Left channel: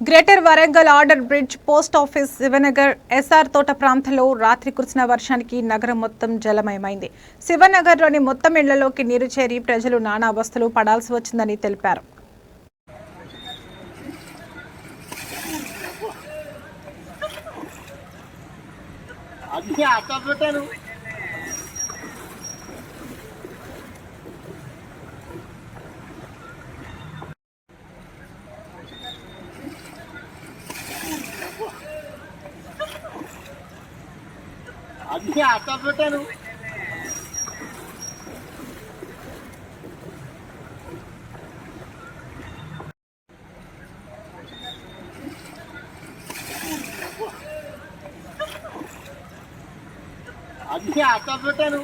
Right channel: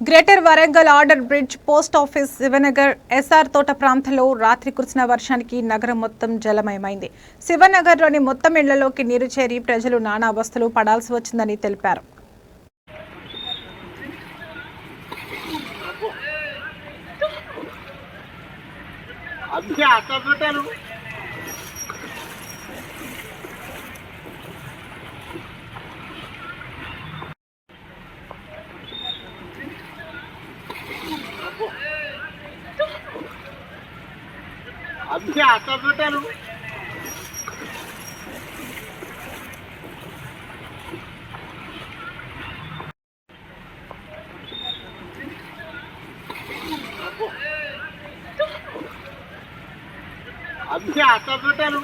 Greater Warangal order bridge post office Shivanagar SR తోట ప్రాంతంలో రాత్రి కురిసిన వర్షానికి నగరం మొత్తం జలమయమైంది. శివనగర్లోని మొత్తం ఇళ్ళలోకి నీరు చేరి ప్రజలు నానా అవస్థలు పడాల్సి వచ్చిందని తెలిపారు. అన్నీ అన్నీ అట్లా పెట్టాను అన్నీ అట్లా పెట్టాను